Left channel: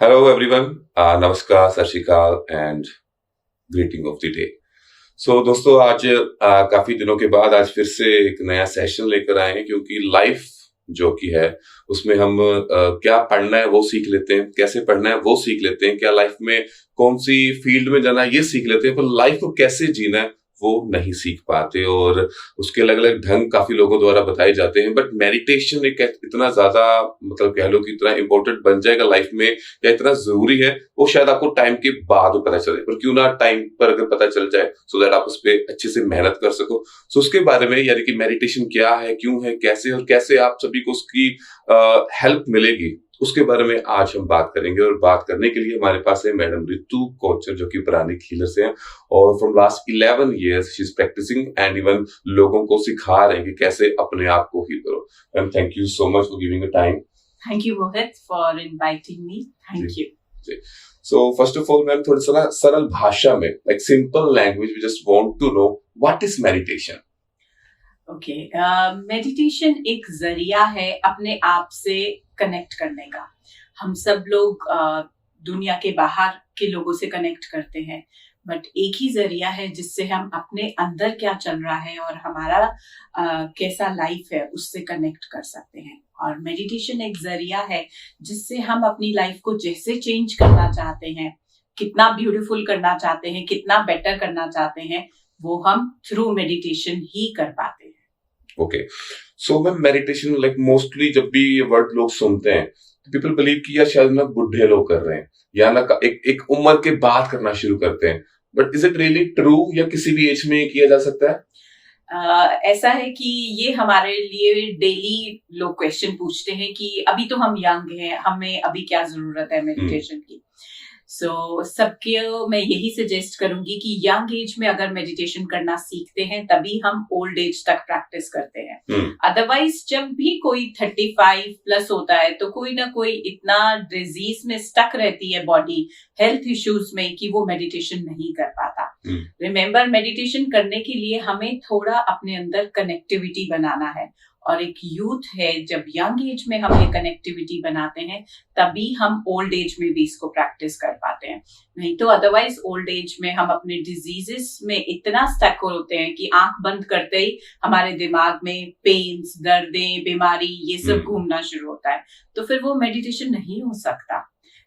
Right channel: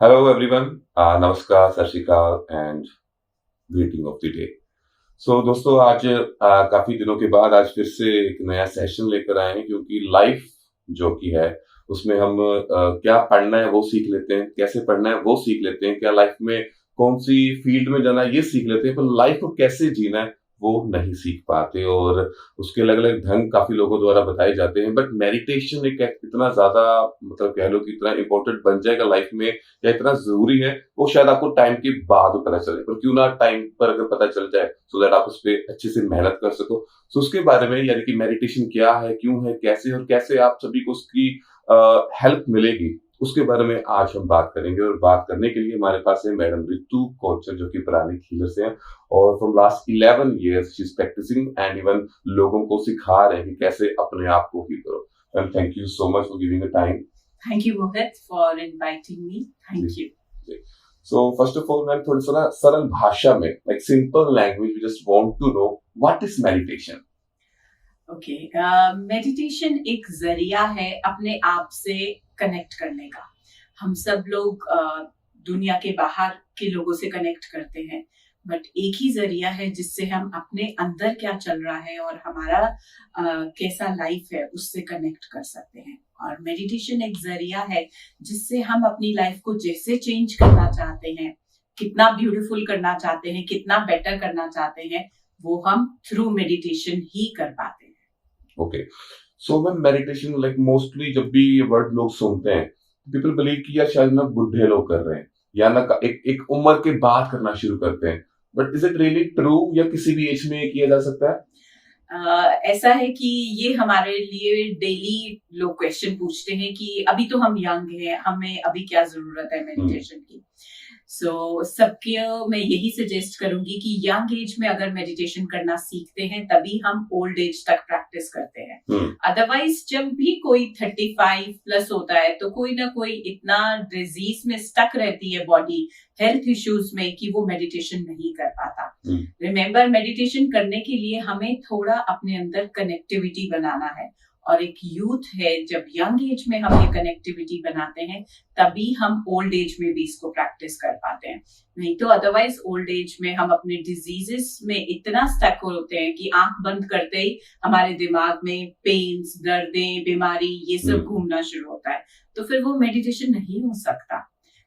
Hello everyone, नमस्कार, सत श्री अकाल and greeting of the day. So दोस्तों आज काफी दिनों के बाद आज फिर से एक नया सेशन लेकर आए हैं क्योंकि लाइफ जो कि है उसमें हम क्या पढ़ना है वो सीख लेते हैं, कैसे पढ़ना है वो सीख लेते हैं, क्या लाइफ में कौन सी फील्ड में जाना है ये सीख लेते हैं, पर लाइफ को कैसे जीना है वो नहीं सीख पाते। और उसके अलग अलग ढंग काफी लोगों द्वारा बताए जाते हैं, बट मेडिटेशन एक इतना ज्यादा मतलब कह लो कि इतना इंपॉर्टेंट बन जाएगा लाइफ में या इतना जरूरी है, वो शायद आपको टाइम के बाद पता चले, पर क्यों ना टाइम पर अगर पता चल जाए सो दैट आप उस पर अच्छे से मेहनत कर सको। सो उसके बारे में यानी कि मेडिटेशन क्या है, क्यों है, कैसे और कैसे आप सभी को उसकी हेल्प मिलेगी, उसके बारे में आज हम बात करेंगे। और बात करने के लिए हमारे पास है मैडम रितु कोचर जो कि पुरानी हीलर से हैं और from last 11 years she is practising and even लोगों को सिखा रहे हैं कि कैसे अपने आप को हील करो। Ma'am thank you so much for giving a time. Thank you, Mohit, for inviting me. Thank you. So first of all, ma'am थोड़ी सा ना सरल भाषा में, like simple language, we just want to know what is meditation. Okay, meditation एक जरिया है अपने आप से कनेक्ट करने का। हम सब लोग दुनिया के बाहर के लोगों से कनेक्ट करते हैं, बट एक ही जरिया है जिससे हम अपने अंदर क्या चल रहा है और हमारा कैसा लाइफ है उससे कनेक्ट कर सकते हैं। और मेडिटेशन एक जरिया है जिससे हम अपनी लाइफ को जैसे चेंज करना चाहते हैं, कितना ब्यूटीफुल करना चाहते हैं, कितना बेटर करना चाहते हैं, वो हम थ्रू मेडिटेशन ही कर पाते हैं। Okay, so ma'am meditation like mostly जब भी ये वर्ड लोग सुनते हैं पीपल बिलीव कि यार शायद ना बुढ़े लोग कर रहे हैं या ना एक उम्र के बाद करना शुरू करते हैं, but is it really true या किसी भी एज में किया जा सकता है? ऐसा है कि ये हमारे लिए डेली लोग क्वेश्चन पूछते हैं कि अभी तो हम यंग हैं, हमें अभी क्या जरूरत है मेडिटेशन की। सो सबके मैं यही सजेस्ट करूंगी कि यंग एज में अगर मेडिटेशन करना सीखते हैं तभी हम ओल्ड एज तक प्रैक्टिस करते हैं। अदरवाइज जब भी कोई 35 प्लस होता है तो कोई ना कोई इतना डिजीज में स्टक रहती है बॉडी, हेल्थ इश्यूज में, कि वो मेडिटेशन नहीं कर पाता। रिमेम्बर, मेडिटेशन करने के लिए हमें थोड़ा अपने अंदर कनेक्टिविटी बनाना है, और एक यूथ है, जब यंग एज में हम ये कनेक्टिविटी बनाते हैं तभी हम ओल्ड एज में भी इसको प्रैक्टिस कर पाते हैं। नहीं तो अदरवाइज ओल्ड एज में हम अपने डिजीजेस में इतना स्टक होते हैं कि आंख बंद करते ही हमारे दिमाग में पेन्स, दर्दें, बीमारी ये सब घूमना शुरू होता है, तो फिर वो मेडिटेशन नहीं हो सकता।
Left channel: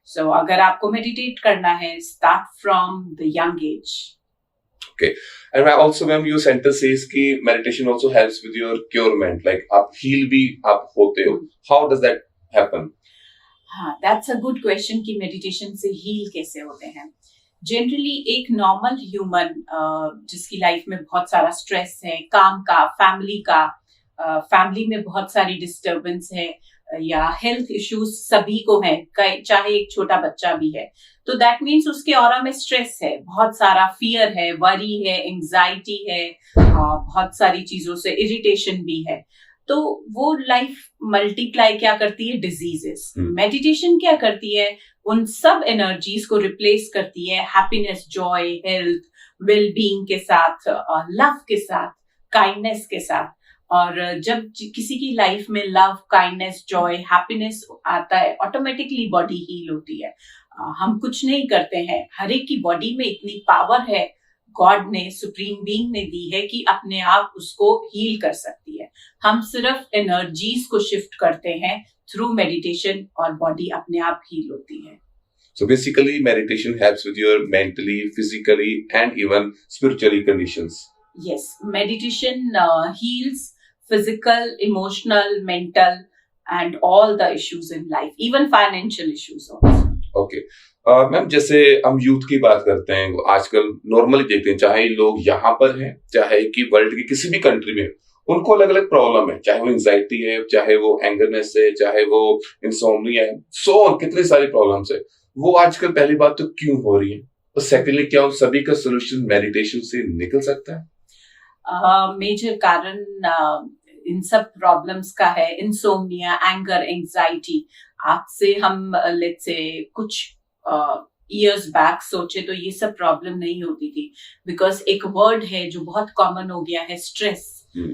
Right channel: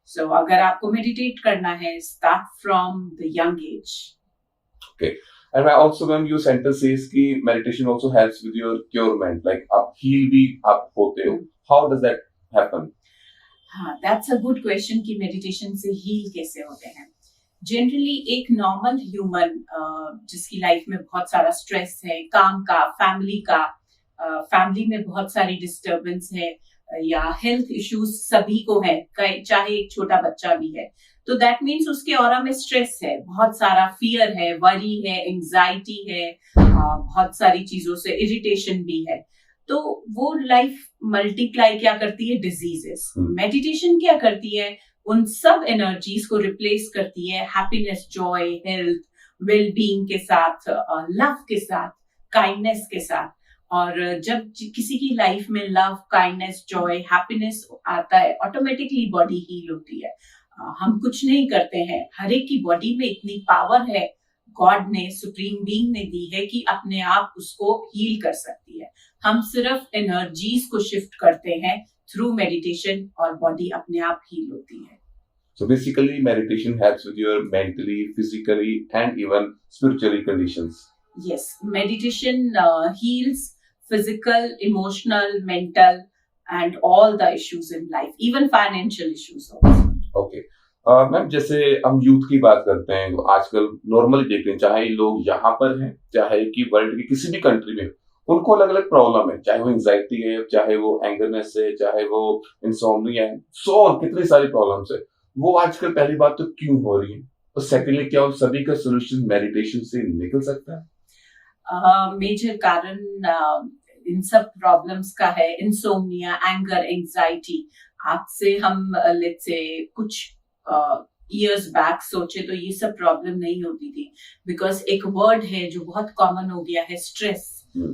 सो अगर आपको मेडिटेट करना है, start from the young age. Okay, and I also when your sentence says कि meditation also helps with your curement, like आप heal भी आप होते हो, how does that happen? हाँ, that's a good question कि मेडिटेशन से हील कैसे होते हैं। जनरली एक नॉर्मल ह्यूमन जिसकी लाइफ में बहुत सारा स्ट्रेस है, काम का, फैमिली का, फैमिली में बहुत सारी डिस्टर्बेंस है या हेल्थ इश्यूज सभी को है, चाहे एक छोटा बच्चा भी है, तो दैट मीन्स उसके ऑरा में स्ट्रेस है, बहुत सारा फियर है, वरी है, एंजाइटी है, बहुत सारी चीजों से इरिटेशन भी है। तो वो लाइफ मल्टीप्लाई क्या करती है? डिजीजेस। मेडिटेशन क्या करती है? उन सब एनर्जीज को रिप्लेस करती है happiness, Joy, health, well being के साथ, लव के साथ, काइंडनेस के साथ। और जब किसी की लाइफ में लव, काइंडनेस, जॉय, हैप्पीनेस आता है, ऑटोमेटिकली बॉडी हील होती है। हम कुछ नहीं करते हैं, हर एक की बॉडी में इतनी पावर है, गॉड ने, सुप्रीम बीइंग ने दी है कि अपने आप उसको हील कर सकती है। हम सिर्फ एनर्जीज को शिफ्ट करते हैं थ्रू मेडिटेशन और बॉडी अपने आप हील होती है। So basically meditation helps with your mentally, physically and even spiritually conditions. Yes, meditation heals physical, emotional, mental and all the issues in life, even financial issues also. Okay. Ma'am जैसे हम youth की बात करते हैं, आजकल normally देखते हैं, चाहे लोग यहाँ पर हैं चाहे कि वर्ल्ड की किसी भी कंट्री में, उनको अलग अलग प्रॉब्लम है, चाहे वो एंजाइटी है, चाहे वो एंगरनेस है, चाहे वो इंसोम्निया है, सो कितनी सारी प्रॉब्लम्स है। वो आजकल पहली बात तो क्यों हो रही है, और सेकेंडली क्या उन सभी का सोल्यूशन मेडिटेशन से निकल सकता है? मेजर कारण इन सब प्रॉब्लम्स का है इंसोम्निया, एंगर, एंजाइटी। आज से हम लेट्स से कुछ ईयर्स बैक सोचे तो ये सब प्रॉब्लम नहीं होती थी, बिकॉज एक वर्ड है जो बहुत कॉमन हो गया है, स्ट्रेस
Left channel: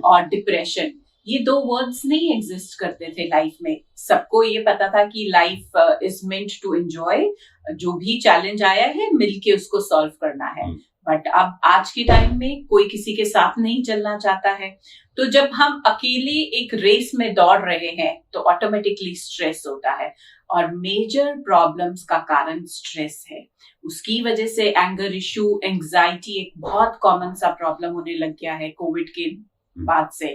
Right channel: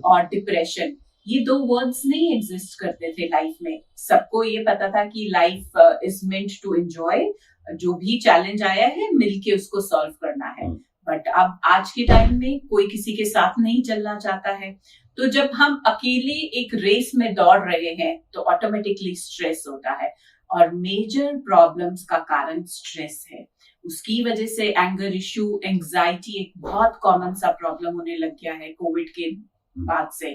और डिप्रेशन। ये दो वर्ड्स नहीं एग्जिस्ट करते थे लाइफ में। सबको ये पता था कि life is meant to enjoy, जो भी चैलेंज आया है मिलके उसको सॉल्व करना है। बट अब आज के टाइम में कोई किसी के साथ नहीं चलना चाहता है, तो जब हम अकेले एक रेस में दौड़ रहे हैं तो ऑटोमेटिकली स्ट्रेस होता है, और मेजर प्रॉब्लम्स का कारण स्ट्रेस है। उसकी वजह से एंगर इशू, एंजाइटी एक बहुत कॉमन सा प्रॉब्लम होने लग गया है कोविड के बाद से।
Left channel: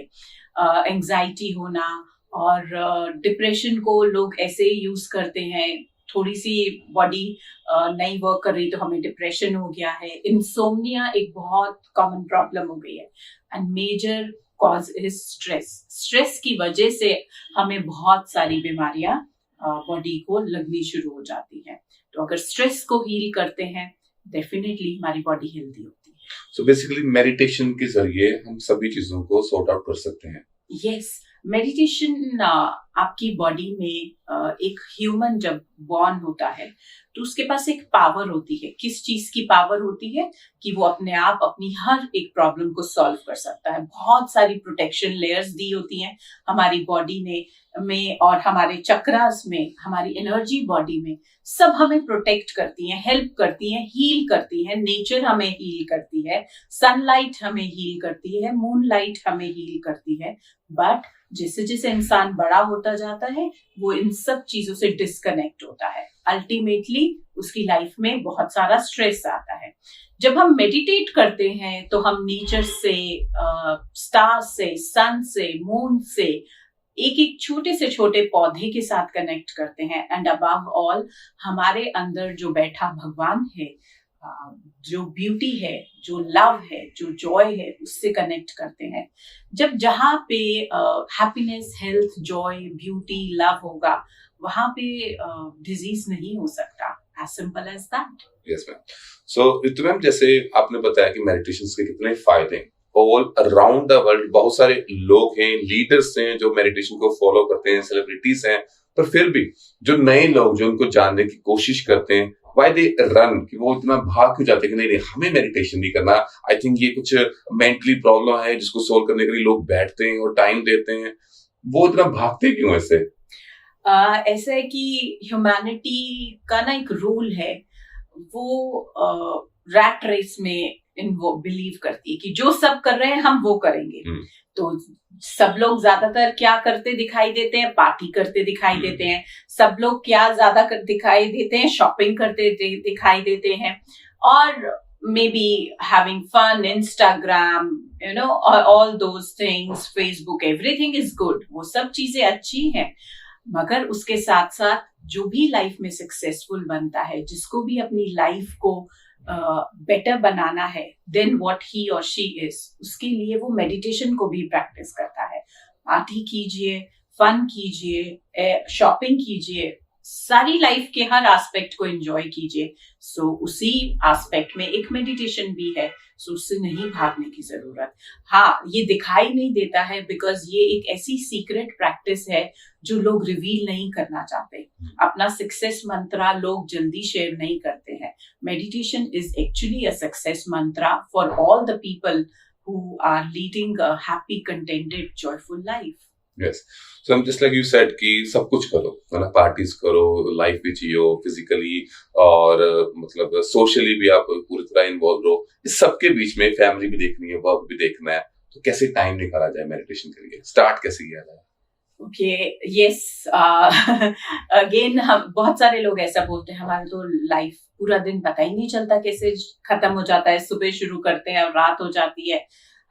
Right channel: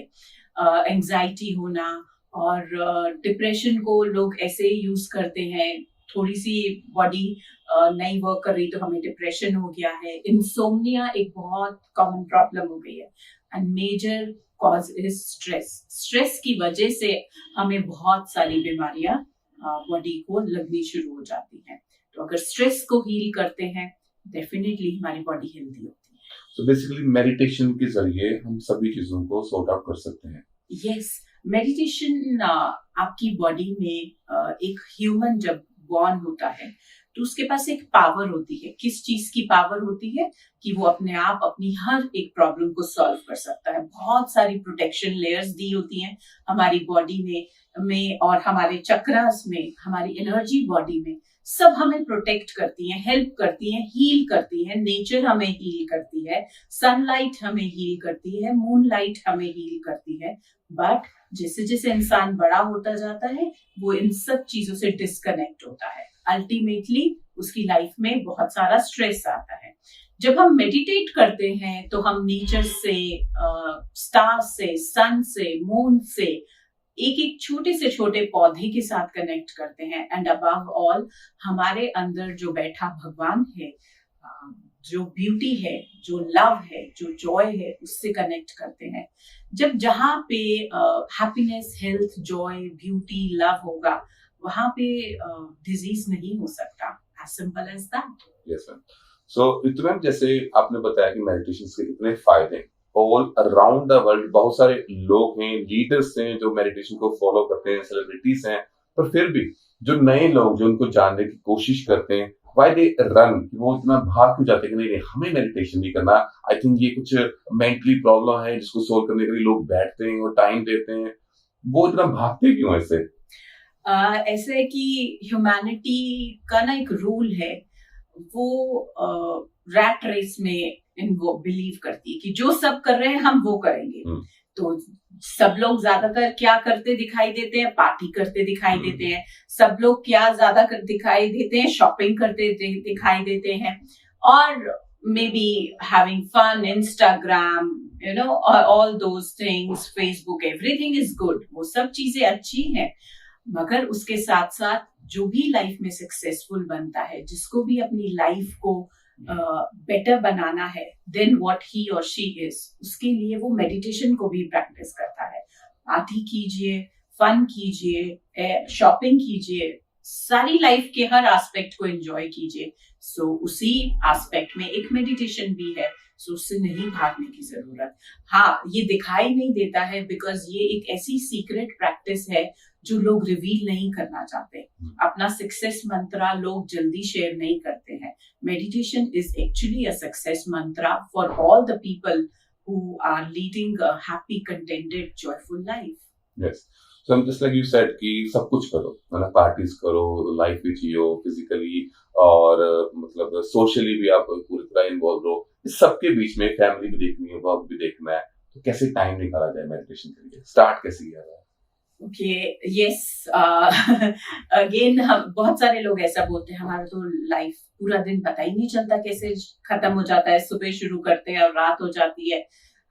एंजाइटी होना और डिप्रेशन को लोग ऐसे यूज करते हैं, थोड़ी सी बॉडी नहीं वर्क कर रही तो हमें डिप्रेशन हो गया है। इंसोम्निया एक बहुत कॉमन प्रॉब्लम हो गई है, and major cause is stress. Stress की वजह से हमें बहुत सारी बीमारियां बॉडी को लगनी शुरू हो जाती हैं। तो अगर स्ट्रेस को हील करते हैं, डेफिनेटली हमारी बॉडी हेल्दी होती है। सो बेसिकली मेडिटेशन के जरिए हम सभी चीजों को सॉर्ट आउट कर सकते हैं। यस, मेडिटेशन आपकी बॉडी में एक ह्यूमन जब बॉर्न होता है तो उसके पास एक पावर होती है। किस चीज की पावर होती है? कि वो अपने आप अपनी हर एक प्रॉब्लम को सॉल्व कर सकता है। बहुत सारी प्रोटेक्शन लेयर्स दी होती हैं हमारी बॉडी में और हमारे चक्रास में, हमारी एनर्जी बॉडी में, सब हमें प्रोटेक्ट करती हैं, हेल्प करती हैं, हील करती हैं। नेचर हमें हील करती है, सनलाइट हमें हील करती है, मूनलाइट हमें हील करती है। बट जैसे जैसे इंसान बड़ा होता जाता है वो इन सब चीजों से डिस्कनेक्ट होता है। अल्टीमेटली उसकी लाइफ में बहुत सारा स्ट्रेस आता है। जब हम मेडिटेट करते हैं तो हम नेचर से, स्टार से, सन से, मून से, एक एक छोटे से छोटे पौधे के साथ कनेक्ट करते हैं, एंड अबव ऑल हमारे अंदर जो बैठा भगवान है, जो ब्यूटी है, जो लव है, जो जॉय है, उससे कनेक्ट करते हैं। जब जहाँ पे happiness, health, joy, beauty, love होगा, वहां पे डिजीज नहीं हो सकता। As simple as that. Yes ma'am. So Ritu ma'am, जैसे आपने बताया कि मेडिटेशन के कितने फायदे हैं, ऑल अराउंड द वर्ल्ड बहुत सारे लोग हैं, लीडर्स हैं जो मेडिटेशन को फॉलो करते हैं, सेलिब्रिटीज हैं, पर फिर भी जो नए लोग जो उनको जानने की कोशिश करते हैं, व्हाई दे रन, कि वो इतना भाग क्यों जाते हैं कि नहीं नहीं हमें मेडिटेशन नहीं करना, आई थिंक ये कुछ मेंटली प्रॉब्लम है जिसको सोल्व करने के लिए लोग बैठते हैं और टाइम देते हैं, वो इतना भागते क्यों ऐसे? ऐसा है कि ह्यूमैनिटी का ना एक रूल है, वो रैट रेस में वो बिलीव करती है कि जो सब कर रहे हैं हम वो करेंगे। तो सब लोग ज्यादातर क्या करते दिखाई देते हैं? पार्टी करते दिखाई देते हैं। सब लोग क्या ज्यादा दिखाई देते हैं? शॉपिंग करते दिखाई देते हैं, और maybe having fun, Instagram, you know, all those things, Facebook, everything is good. वो सब चीजें अच्छी हैं, मगर उसके साथ साथ जो भी लाइफ में सक्सेसफुल बनता है, जिसको भी अपनी लाइफ को बेटर बनाना है देन व्हाट ही और शी इज, उसके लिए वो मेडिटेशन को भी प्रैक्टिस करता है। पार्टी कीजिए, फन कीजिए, शॉपिंग कीजिए, सारी लाइफ के हर एस्पेक्ट को एंजॉय कीजिए। सो उसी एस्पेक्ट में एक मेडिटेशन भी है, सो उससे नहीं भागने की जरूरत। हाँ, ये दिखाई नहीं देता है बिकॉज ये एक ऐसी सीक्रेट प्रैक्टिस है जो लोग रिवील नहीं करना चाहते। अपना सक्सेस मंत्रा लोग जल्दी शेयर नहीं करते हैं। Meditation is actually a success Mantra for all the people who are leading a happy, contented, joyful life. Yes. So I'm just like you said कि सब कुछ करो, मतलब पार्टीज करो, लाइफ भी जियो, फिजिकली और मतलब सोशली भी आप पूरी तरह इन्वॉल्व रहो। इस सबके बीच में फैमिली भी देखनी है, वर्क भी देखना है, तो कैसे टाइम निकाला जाए मेडिटेशन के लिए? स्टार्ट कैसे किया जाए? ओके, यस, अगेन हम बहुत सारे लोग ऐसा बोलते हैं हमारा तो लाइफ पूरा दिन पता ही नहीं चलता कैसे खत्म हो जाता है। सुबह शुरू करते हैं और रात हो जाती है,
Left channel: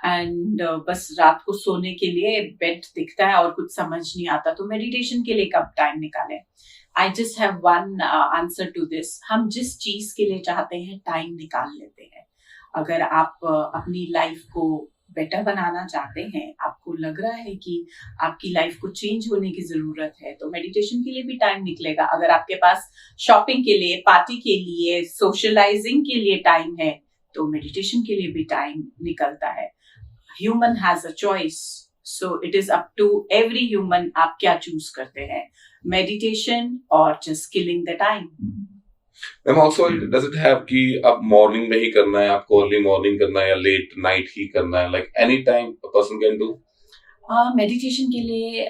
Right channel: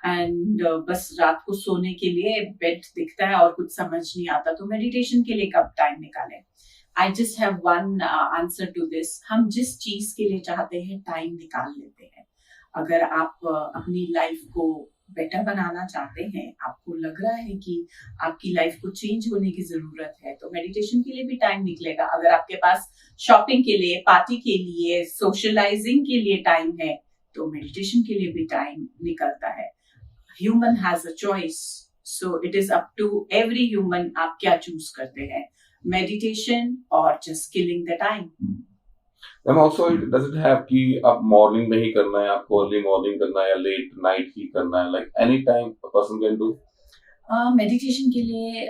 एंड बस रात को सोने के लिए बेड दिखता है और कुछ समझ नहीं आता। तो मेडिटेशन के लिए कब टाइम निकालें? I just have one answer to this. हम जिस चीज के लिए चाहते हैं टाइम निकाल लेते हैं। अगर आप अपनी लाइफ को बेटर बनाना चाहते हैं, आपको लग रहा है कि आपकी लाइफ को चेंज होने की जरूरत है, तो मेडिटेशन के लिए भी टाइम निकलेगा। अगर आपके पास शॉपिंग के लिए, पार्टी के लिए, सोशलाइजिंग के लिए टाइम है, तो मेडिटेशन के लिए भी टाइम निकलता है। Human has a choice, so it is up to every human आप क्या चूज करते हैं, मेडिटेशन और just killing the time. Ma'am also does it have कि आप मॉर्निंग में ही करना है, आपको अर्ली मॉर्निंग करना है या लेट नाइट ही करना है, like any time a person can do? Meditation के लिए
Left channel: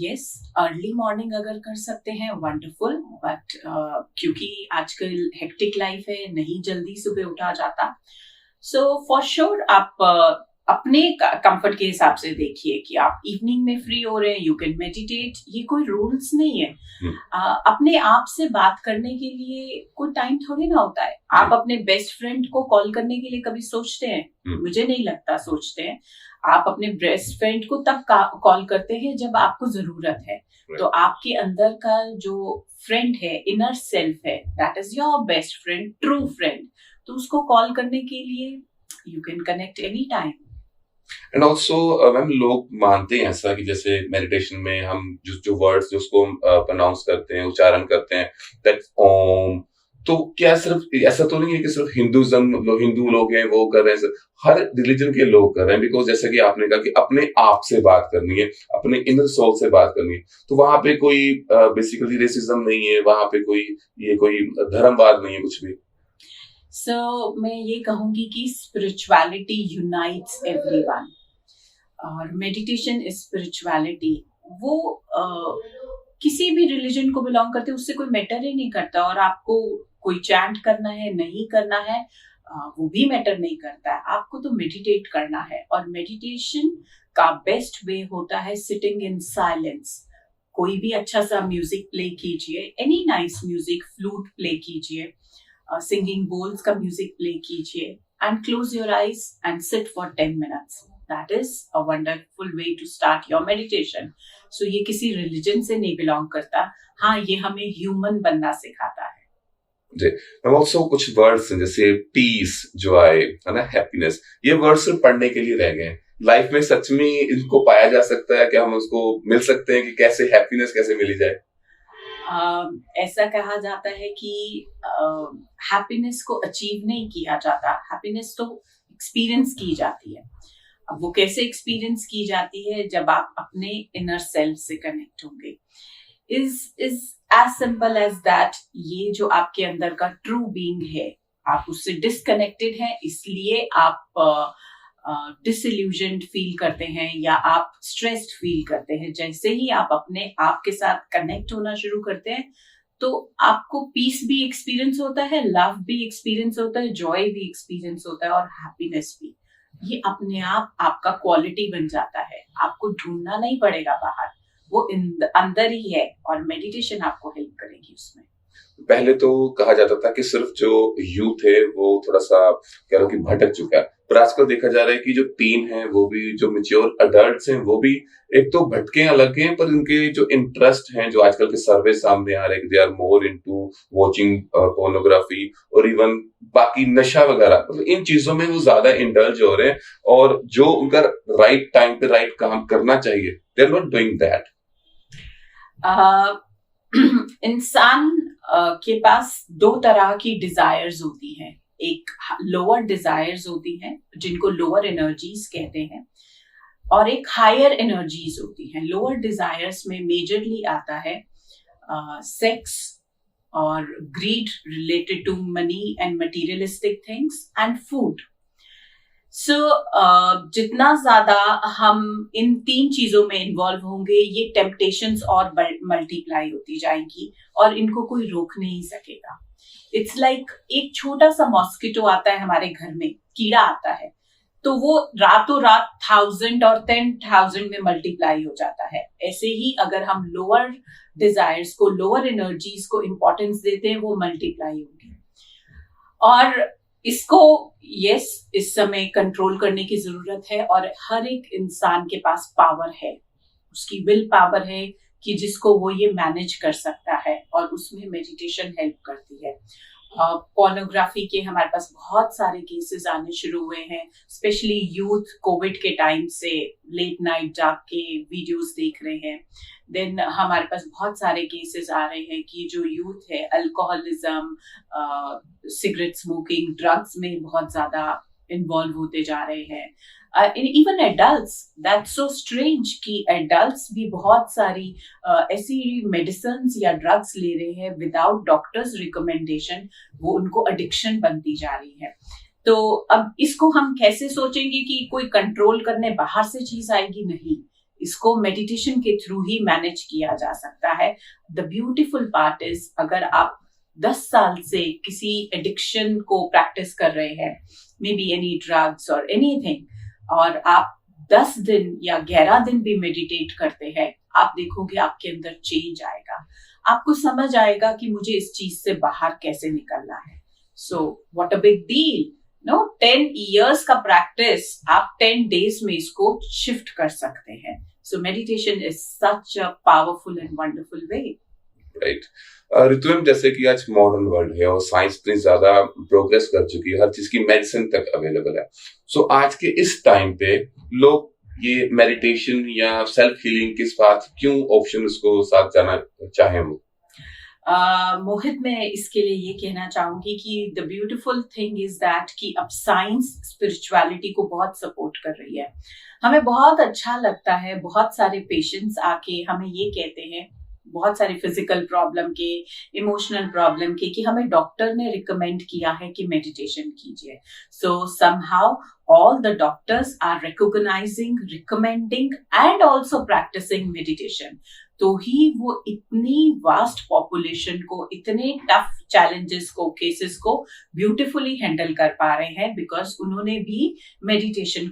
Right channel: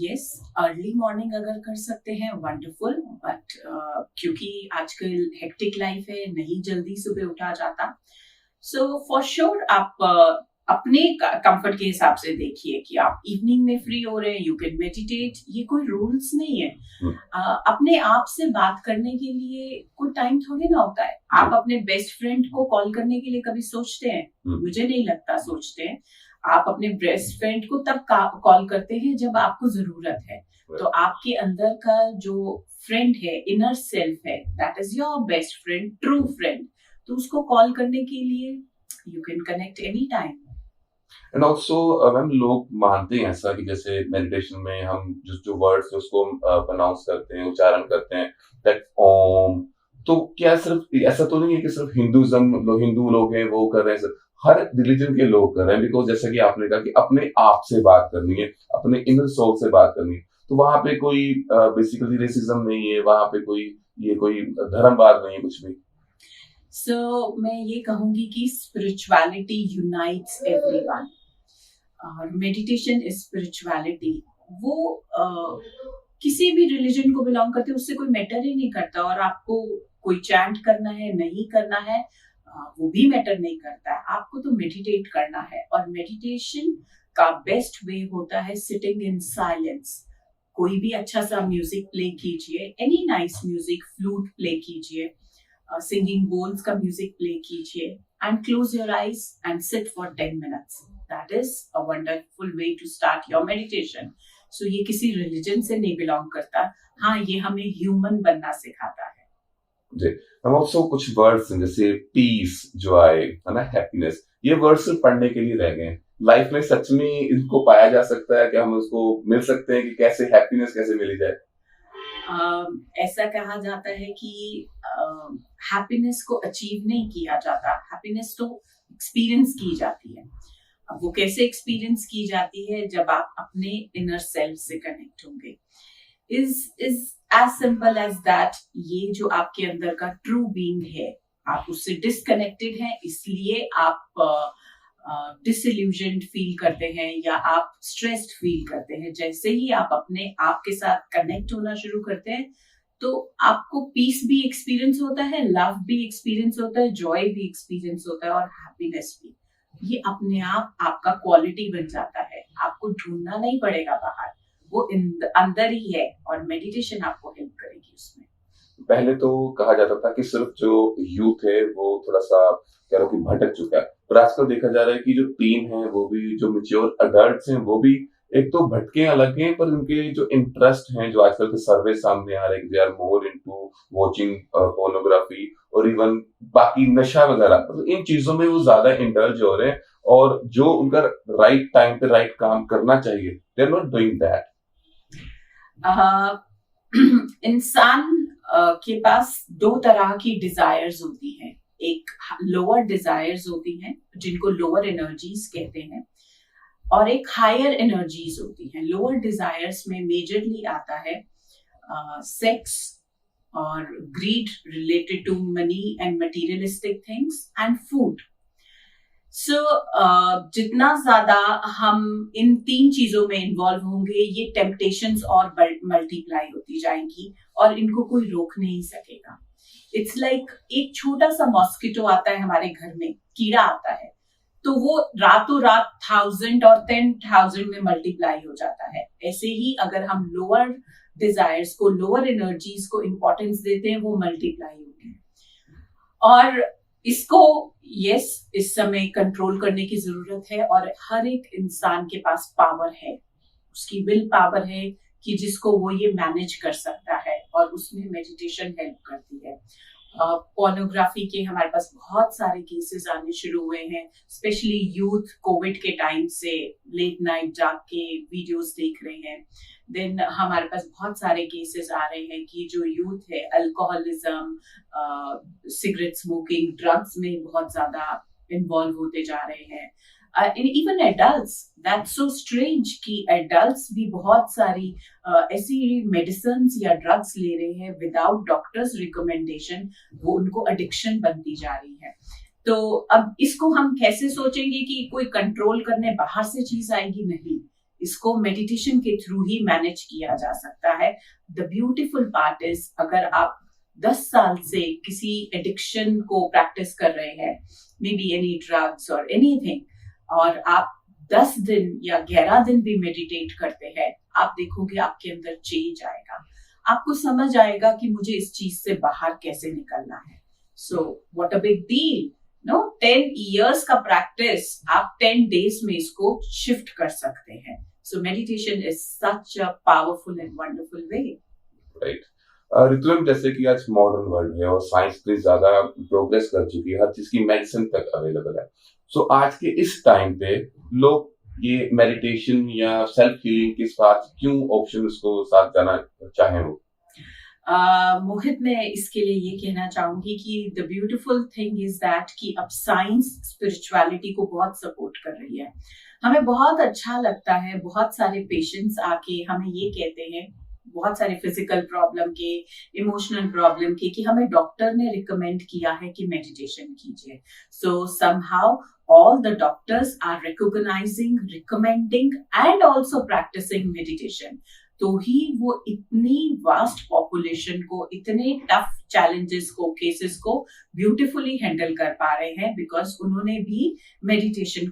यस, अर्ली मॉर्निंग अगर कर सकते हैं वंडरफुल, बट क्योंकि आजकल हेक्टिक लाइफ है, नहीं जल्दी सुबह उठा जाता, सो फॉर श्योर आप अपने कंफर्ट के हिसाब से देखिए कि आप इवनिंग में फ्री हो रहे हैं, यू कैन मेडिटेट, ये कोई रूल्स नहीं है। अपने आप से बात करने के लिए कोई टाइम थोड़ी ना होता है। आप अपने बेस्ट फ्रेंड को कॉल करने के लिए कभी सोचते हैं? मुझे नहीं लगता सोचते हैं। आप अपने बेस्ट फ्रेंड को तब कॉल करते हैं जब आपको जरूरत है। तो आपके अंदर का जो फ्रेंड है, इनर सेल्फ है, that is your best friend, true friend. तो उसको कॉल करने के लिए you can connect any time. And also ma'am, लोग मानते हैं ऐसा कि जैसे मेडिटेशन में हम जो जो वर्ड्स जो उसको प्रोनाउंस करते हैं, उच्चारण करते हैं, दैट ओम, तो क्या सिर्फ ऐसा तो नहीं है कि सिर्फ हिंदू लोग हैं वो कर रहे हैं? हर रिलीजन के लोग कर रहे हैं, बिकॉज जैसा कि आपने कहा कि अपने आप से बात करनी है, अपने इनर सोल से बात करनी है, तो वहां पे कोई बेसिकली रेसिज्म नहीं है, वहां पे कोई धर्मवाद नहीं है कुछ भी। सो मैं ये कहूंगी कि स्पिरिचुअलिटी यूनाइट्स एवरीवन, और मेडिटेशन इज स्पिरिचुअलिटी। वो किसी भी रिलीजन को बिलोंग करते उससे कोई मैटर ही नहीं करता, और आपको कोई चैंट करना है नहीं करना है वो भी मैटर नहीं करता है। आपको तो मेडिटेट करना है, और मेडिटेशन का बेस्ट वे होता है सिटिंग इन साइलेंस। कोई भी अच्छा सा म्यूजिक प्ले कीजिए, any nice music, flute play कीजिए, सिंगिंग बोल्स का म्यूजिक प्ले कीजिए, and close your eyes and sit for 10 minutes. That is a wonderful way to start your meditation. So ये किसी रिलीजन से नहीं बिलोंग करता। हाँ, ये हमें ह्यूमन बनना सिखाता है। जी, हम ऑल्सो कुछ वर्ड्स हैं जैसे पीस, जॉय, है ना, हैप्पीनेस, ये वर्ड्स सिर्फ पढ़ने के लिए रह गए हैं। लाइफ में सच में इनको पाया जा सकता है कि हम उसको मिल सकते हैं कि कैसे हैप्पीनेस कैसे मिली जाए? ऐसा कहा जाता है कि हैप्पीनेस को अचीव नहीं किया जाता, हैप्पीनेस तो एक्सपीरियंस की जाती है। अब वो कैसे एक्सपीरियंस की जाती है? जब आप अपने इनर सेल्फ से कनेक्ट होंगे। Is as simple as that. ये जो आपके अंदर का ट्रू बीइंग है, आप उससे डिस्कनेक्टेड हैं, इसलिए आप डिसइल्यूजन्ड फील करते हैं या आप स्ट्रेस्ड फील करते हैं। जैसे ही आप अपने आप के साथ कनेक्ट होना शुरू करते हैं, तो आपको पीस भी एक्सपीरियंस होता है, लव भी एक्सपीरियंस होता है, जॉय भी एक्सपीरियंस होता है, और हैप्पीनेस भी। ये अपने आप आपका क्वालिटी बन जाता है। आपको ढूंढना नहीं पड़ेगा बाहर, वो अंदर ही है, और मेडिटेशन आपको हेल्प करेगी उसमें। पहले तो कहा जाता था कि सिर्फ जो यूथ है वो थोड़ा सा कह लो कि भटक चुका है, पर आजकल देखा जा रहा है कि जो टीन है वो भी, जो मेच्योर अडल्ट्स हैं वो भी, एक तो भटके अलग हैं, पर उनके जो इंटरेस्ट हैं, जो आजकल के सर्वे सामने आ रहे हैं, they are more into watching pornography और इवन बाकी नशा वगैरह, मतलब इन चीजों में वो ज्यादा इंडल्ज हो रहे हैं, और जो उनका राइट टाइम पे राइट काम करना चाहिए, they are not doing that. इंसान के पास दो तरह की डिजायर्स होती हैं। एक लोअर डिजायर्स होती हैं जिनको लोअर एनर्जीज कहते हैं, और एक हायर एनर्जीज होती हैं। लोअर डिजायर्स में मेजरली आता है सेक्स और greed related to money and materialistic things and food. So जितना ज्यादा हम इन तीन चीजों में इन्वॉल्व होंगे, ये टेम्पटेशंस और मल्टीप्लाई होती जाएंगी, और इनको कोई रोक नहीं सकेगा। इट्स लाइक एक छोटा सा मॉस्किटो आता है हमारे घर में, कीड़ा आता है, तो वो रातों रात 1000 और 10,000 में मल्टीप्लाई हो जाता है। ऐसे ही अगर हम लोअर डिजायर्स को, लोअर एनर्जीज को इम्पोर्टेंस देते हैं, वो मल्टीप्लाई होगी। और इसको इस समय कंट्रोल करने की जरूरत है, और हर एक इंसान के पास पावर है, उसकी विल पावर है कि जिसको वो ये मैनेज कर सकता है, और उसमें मेडिटेशन हेल्प करती है। पोर्नोग्राफी के हमारे पास बहुत सारे केसेस आने शुरू हुए हैं, स्पेशली यूथ कोविड के टाइम से लेट नाइट जाग के वीडियोस देख रहे हैं। देन हमारे पास बहुत सारे केसेस आ रहे हैं कि जो यूथ है अल्कोहलिज्म, सिगरेट स्मोकिंग, ड्रग्स में बहुत ज्यादा इन्वॉल्व होते जा रहे हैं। Even adults, that's so strange कि एडल्ट्स भी बहुत सारी ऐसी मेडिसिन या ड्रग्स ले रहे हैं विदाउट डॉक्टर्स रिकमेंडेशन। वो उनको एडिक्शन बनती जा रही है। तो अब इसको हम कैसे सोचेंगे कि कोई कंट्रोल करने बाहर से चीज आएगी? नहीं, इसको मेडिटेशन के थ्रू ही मैनेज किया जा सकता है. द ब्यूटीफुल पार्ट इज, अगर आप 10 साल से किसी एडिक्शन को प्रैक्टिस कर रहे हैं, मे बी एनी ड्रग्स और एनीथिंग, और आप 10 दिन या 11 दिन भी मेडिटेट करते हैं, आप देखोगे आपके अंदर चेंज आएगा. आपको समझ आएगा कि मुझे इस चीज से बाहर कैसे निकलना है. So what a big deal. No, 10 years का प्रैक्टिस आप 10 days में इसको शिफ्ट कर सकते हैं. So meditation is such a powerful and wonderful way. Right. Ritu, जैसे कि आज मॉडर्न वर्ल्ड है और साइंस इतनी ज्यादा प्रोग्रेस कर चुकी है, हर चीज की मेडिसिन तक अवेलेबल है. सो आज के इस टाइम पे लोग ये मेडिटेशन या सेल्फ हीलिंग के साथ क्यों ऑप्शन उसको साथ जाना चाहें वो? मोहित, मैं इसके लिए ये कहना चाहूंगी कि the beautiful thing is that कि अब साइंस स्पिरिचुअलिटी को बहुत सपोर्ट कर रही है. हमें बहुत अच्छा लगता है, बहुत सारे पेशेंट्स आके हमें ये कहते हैं, बहुत सारे फिजिकल प्रॉब्लम के, इमोशनल प्रॉब्लम के, कि हमें डॉक्टर ने रिकमेंड किया है कि मेडिटेशन कीजिए. सो somehow all the doctors are recognizing, recommending and also practicing meditation. तो ही वो इतनी वास्ट पॉपुलेशन को, इतने टफ चैलेंजेस को, केसेस को ब्यूटिफुली हैंडल कर पा रहे हैं, बिकॉज उन्होंने भी मेडिटेशन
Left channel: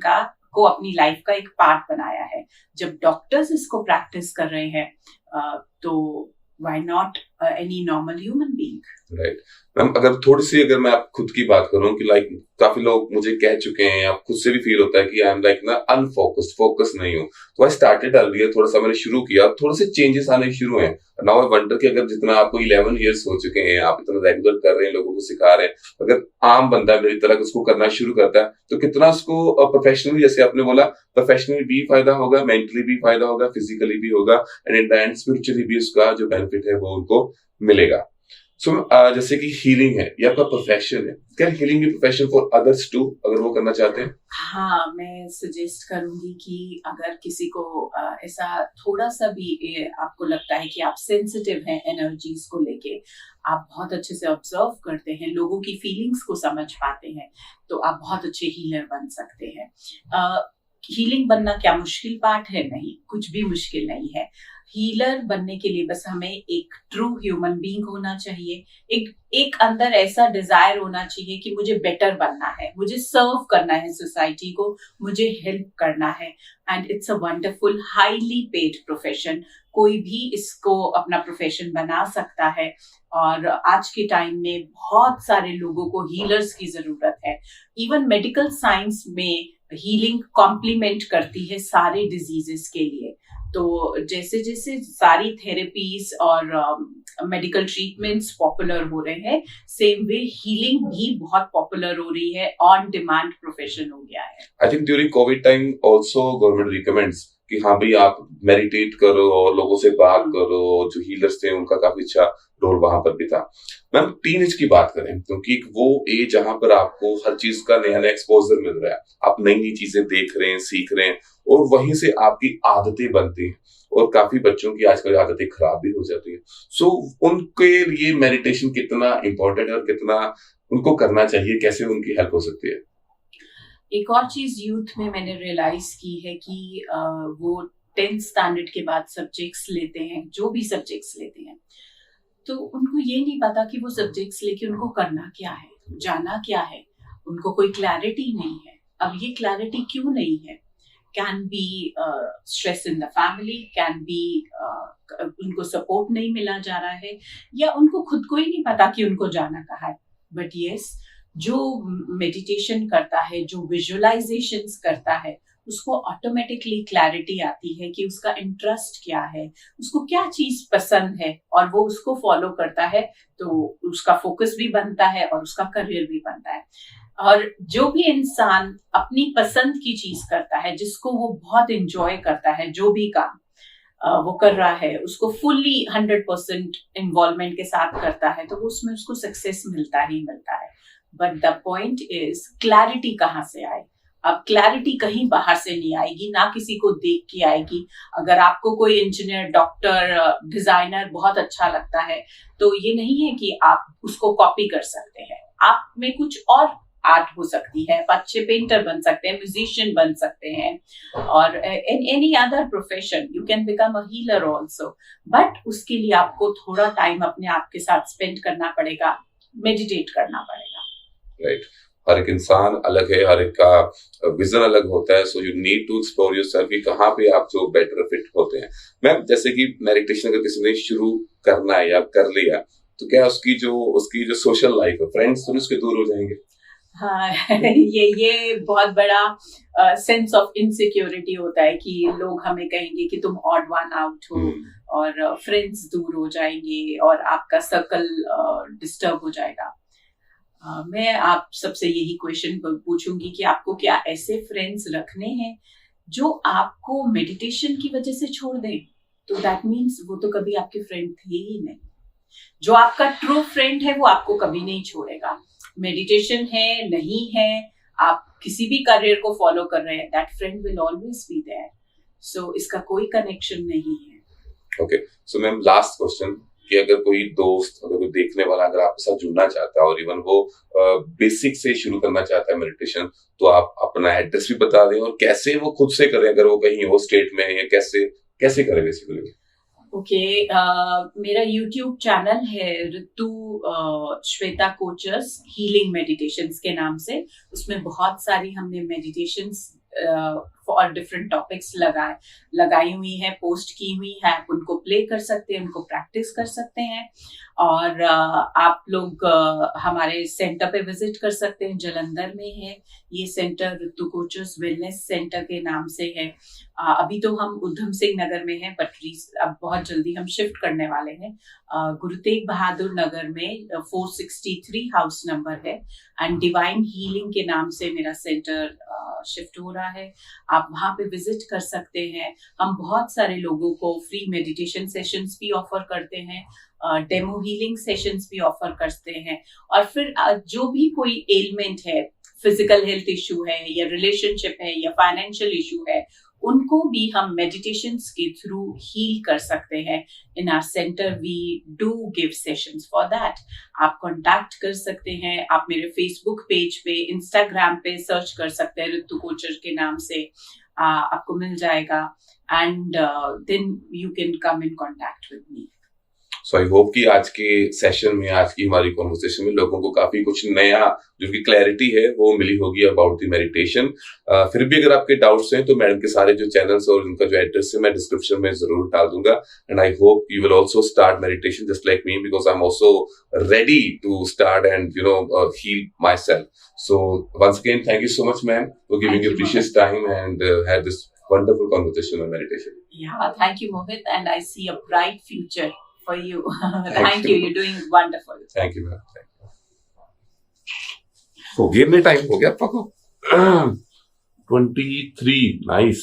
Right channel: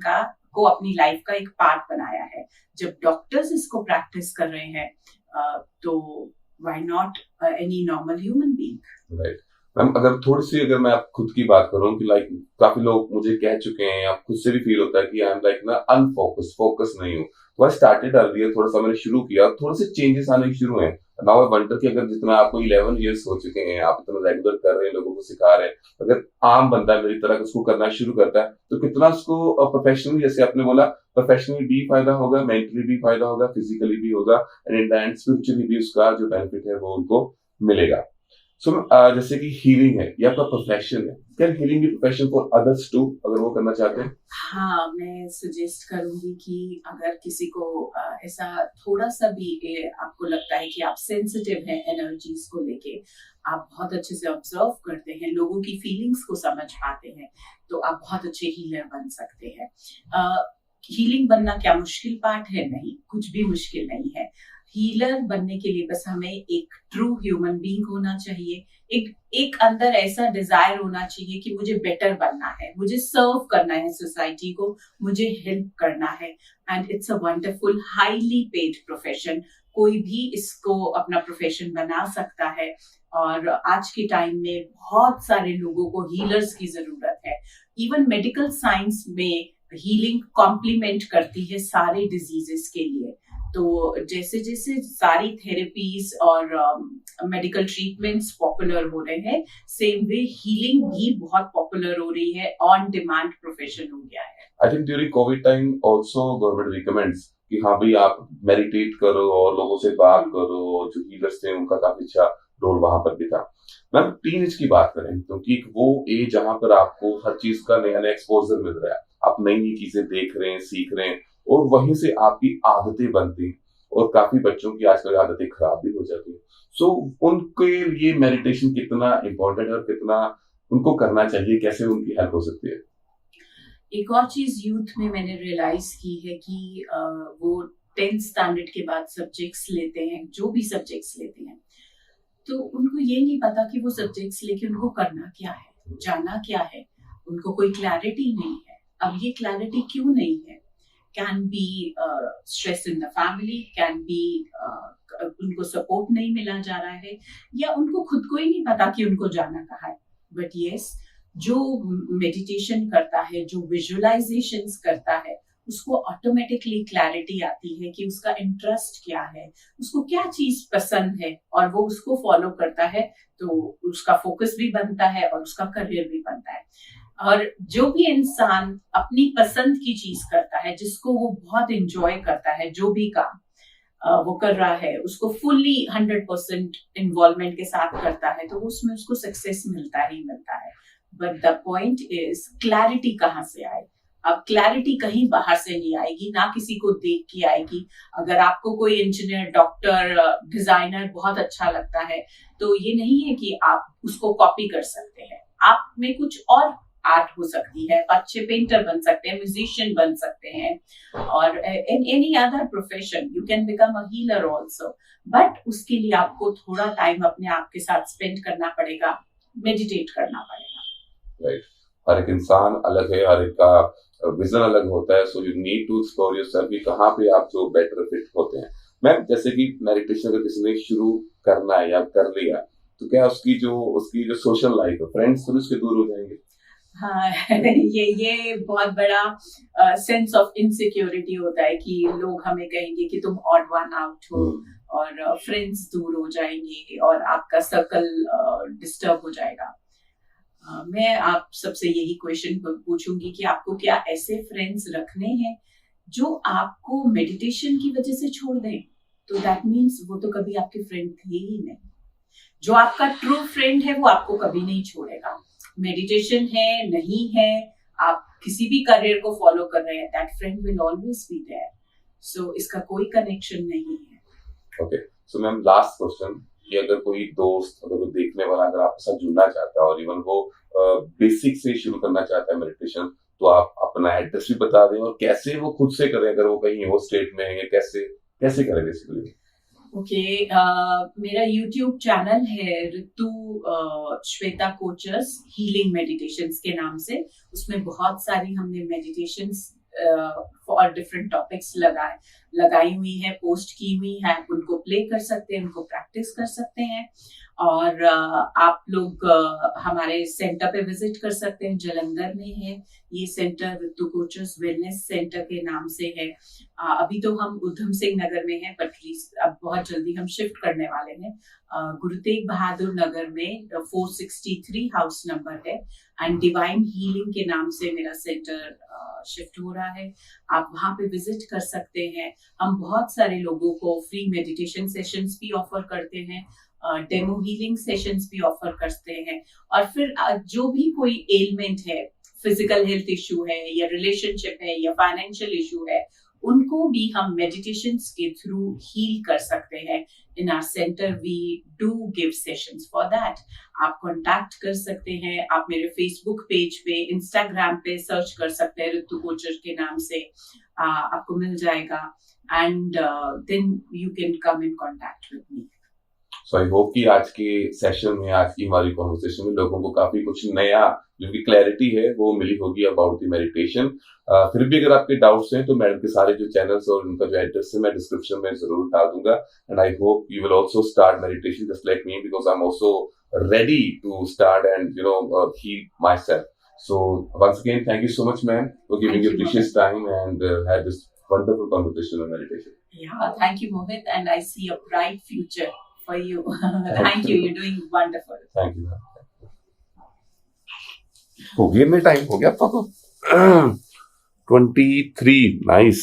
को अपनी लाइफ का एक पार्ट बनाया है. जब डॉक्टर्स इसको प्रैक्टिस कर रहे हैं, तो why not any normal human being. Right. Ma'am, अगर मैं आप खुद की बात करूं कि लाइक काफी लोग मुझे कह चुके हैं या खुद से भी फील होता है कि आई एम लाइक ना अनफोकस्ड, फोकस नहीं हूं. तो आई स्टार्टेड अर्लियर, थोड़ा सा मैंने शुरू किया, थोड़े से चेंजेस आने शुरू हैं. नाउ आई वंडर कि अगर जितना आपको 11 years हो चुके हैं, आप इतना रेगुलर कर रहे हैं, लोगों को सिखा रहे हैं, अगर आम बंदा मेरी तरह उसको करना शुरू करता है, तो कितना उसको प्रोफेशनली, जैसे आपने बोला, प्रोफेशनली भी फायदा होगा, मेंटली भी फायदा होगा, फिजिकली भी होगा, and in the end spiritually भी उसका जो बेनिफिट है वो उनको मिलेगा. सो जैसे कि हीलिंग है, ये आपका प्रोफेशन है, क्या हीलिंग भी प्रोफेशन फॉर अदर्स टू, अगर वो करना चाहते हैं? हाँ, मैं सजेस्ट करूंगी कि अगर किसी को ऐसा थोड़ा सा भी आपको लगता है कि आप सेंसिटिव हैं एनर्जीज को लेके, आप बहुत अच्छे से ऑब्जर्व करते हैं, लोगों की फीलिंग्स को समझ पाते हैं, तो आप बहुत अच्छे हीलर बन सकते हैं. हीलिंग बनना क्या मुश्किल पार्ट है? नहीं, कुछ भी मुश्किल नहीं है. हीलर बनने के लिए बस हमें एक ट्रू ह्यूमन बीइंग होना चाहिए, एक अंदर ऐसा डिजायर होना चाहिए कि मुझे बेटर बनना है, मुझे सर्व करना है सोसाइटी को, मुझे हेल्प करना है. And it's a wonderful highly paid profession. कोई भी इसको अपना प्रोफेशन बना सकता है, और आज के टाइम में बहुत सारे लोगों को हीलर्स की जरूरत है. इवन मेडिकल साइंस में हीलिंग कॉम्प्लीमेंट करती है सारे डिजीजेस के लिए. तो जैसे जैसे सारी थेरेपीज और मेडिकल ट्रीटमेंट्स पॉपुलर हो रहे हैं, सेम वे हीलिंग भी बहुत पॉपुलर हो रही है, ऑन डिमांड प्रोफेशन हो गया है. I think during Covid time also government recommends कि हाँ भाई आप मेडिटेट करो और लोगों से बात करो. जो हीलर्स थे उनका काफी अच्छा रोल वहां पर भी था. मैम, टीनेज की बात करें, क्योंकि वो एज जहां पर आपको हर चीज का नया नया एक्सपोजर मिल रहा है, आप नई नई चीजें देख रहे हैं, सीख रहे हैं, और वहीं से आपकी आदतें बनती हैं, और काफी बच्चों की आजकल आदतें खराब भी हो जाती है. सो उनके लिए मेडिटेशन कितना इंपॉर्टेंट है और कितना उनको करना चाहिए, कैसे उनकी हेल्प हो सकती है? एक और चीज यूथ में मैंने रियलाइज की है कि वो 10th स्टैंडर्ड के बाद सब्जेक्ट्स लेते हैं, जो भी सब्जेक्ट्स लेते हैं, तो उनको ये नहीं पता कि वो सब्जेक्ट्स लेके उनको करना क्या है, जाना क्या है. उनको कोई क्लैरिटी नहीं है. अब ये क्लैरिटी क्यों नहीं है? Can be stress in the family, can be उनको सपोर्ट नहीं मिला जा रहा है, या उनको खुद को ही नहीं पता कि उनको जाना कहाँ है. बट यस, जो मेडिटेशन करता है, जो विजुअलाइजेशंस करता है, उसको ऑटोमेटिकली क्लैरिटी आती है कि उसका इंटरेस्ट क्या है, उसको क्या चीज पसंद है, और वो उसको फॉलो करता है, तो उसका फोकस भी बनता है और उसका करियर भी बनता है. और जो भी इंसान अपनी पसंद की चीज करता है, जिसको वो बहुत इंजॉय करता है, जो भी काम वो कर रहा है, उसको फुल्ली 100% इन्वॉल्वमेंट के साथ करता है, तो उसमें उसको सक्सेस मिलता ही मिलता है. But the point is clarity कहाँ से आए. अब क्लैरिटी कहीं बाहर से नहीं आएगी, ना किसी को देख के आएगी. अगर आपको कोई इंजीनियर, डॉक्टर, डिजाइनर बहुत अच्छा लगता है, तो ये नहीं है कि आप उसको कॉपी कर सकते हैं. आप में कुछ और आर्ट हो सकती है, आप अच्छे पेंटर बन सकते हैं, म्यूजिशियन बन सकते हैं, और in any other profession you can become a healer also. But उसके लिए आपको थोड़ा टाइम अपने आप के साथ स्पेंड करना पड़ेगा, मेडिटेट करना पड़ेगा। राइट। हर एक इंसान अलग है, हर एक का विजन अलग होता है, so you need to explore yourself कि कहाँ पे आप जो बेटर फिट होते हैं। मैम, जैसे कि मेडिटेशन अगर किसी ने शुरू करना है या कर लिया, तो क्या उसकी जो सोशल लाइफ है, फ्रेंड्स तो उसके दूर हो जाएंगे? हाँ ये बहुत बड़ा सेंस ऑफ इनसिक्योरिटी होता है कि लोग हमें कहेंगे कि तुम ऑड वन आउट हो, और फ्रेंड्स दूर हो जाएंगे और आपका सर्कल डिस्टर्ब हो जाएगा। मैं आप सबसे यही क्वेश्चन पूछूंगी कि आपको क्या ऐसे फ्रेंड्स रखने हैं जो आपको मेडिटेशन की वजह से छोड़ दें? तो दैट मीन्स वो तो कभी आपके फ्रेंड थे ही नहीं। जो आपका ट्रू फ्रेंड है वो आपको कभी नहीं छोड़ेगा। मेडिटेशन है नहीं है, आप किसी भी करियर को फॉलो कर रहे हैं, that friend will always be there. So इसका कोई कनेक्शन नहीं है। Okay, so ma'am last question कि अगर कोई दोस्त, अगर कोई देखने वाला अगर आपके साथ जुड़ना चाहता है और इवन वो बेसिक से शुरू करना चाहता है मेडिटेशन, तो आप अपना एड्रेस भी बता दें और कैसे वो खुद से करें, अगर वो कहीं हो स्टेट में है, या कैसे कैसे करें बेसिकली? ओके, मेरा YouTube चैनल है ऋतु श्वेता कोचर्स हीलिंग मेडिटेशंस के नाम से। उसमें बहुत सारी हमने मेडिटेशंस फॉर डिफरेंट टॉपिक्स लगाई हुई है, पोस्ट की हुई है। आप उनको प्ले कर सकते हैं, उनको प्रैक्टिस कर सकते हैं, और आप लोग हमारे सेंटर पे विजिट कर सकते हैं। जलंधर में है ये सेंटर, ऋतु कोचर्स वेलनेस सेंटर के नाम से है। अभी तो हम उधम सिंह नगर में हैं, बट अब बहुत जल्दी हम शिफ्ट करने वाले हैं। गुरु तेग बहादुर नगर में 463 हाउस नंबर है, एंड डिवाइन हीलिंग के नाम से मेरा सेंटर शिफ्ट हो रहा है। आप वहां पे विजिट कर सकते हैं। हम बहुत सारे लोगों को फ्री मेडिटेशन सेशंस भी ऑफर करते हैं, डेमो हीलिंग सेशंस भी ऑफर करते हैं, और फिर जो भी कोई एलिमेंट है, फिजिकल हेल्थ इशू है या रिलेशनशिप है या फाइनेंशियल इशू है, उनको भी हम मेडिटेशंस के थ्रू हील कर सकते हैं। In our centre we do give sessions for that. आप कांटेक्ट कर सकते हैं, आप मेरे फेसबुक पेज पे, इंस्टाग्राम पे सर्च कर सकते हैं ऋतु कोचर के नाम से, आपको मिल जाएगा, and then you can come in contact with me. So I hope कि आज के सेशन में, आज की हमारी कॉन्वर्सेशन में लोगों को काफी कुछ नया जो कि क्लैरिटी है वो मिली होगी अबाउट द मेडिटेशन। फिर भी अगर आपके डाउट्स हैं तो मैडम के सारे जो चैनल्स और उनका जो एड्रेस है मैं डिस्क्रिप्शन में जरूर डाल दूंगा, and I hope you will also start meditation just like me, because I am also ready to start and heal myself. So once again thank you so much ma'am for giving your precious time and have this wonderful conversation on meditation. Yeah, thank you, Mohit, and I see a bright future for you. Thank you. You're doing wonderful. Thank you, ma'am. हो गया time, हो गया आपका 23 nice.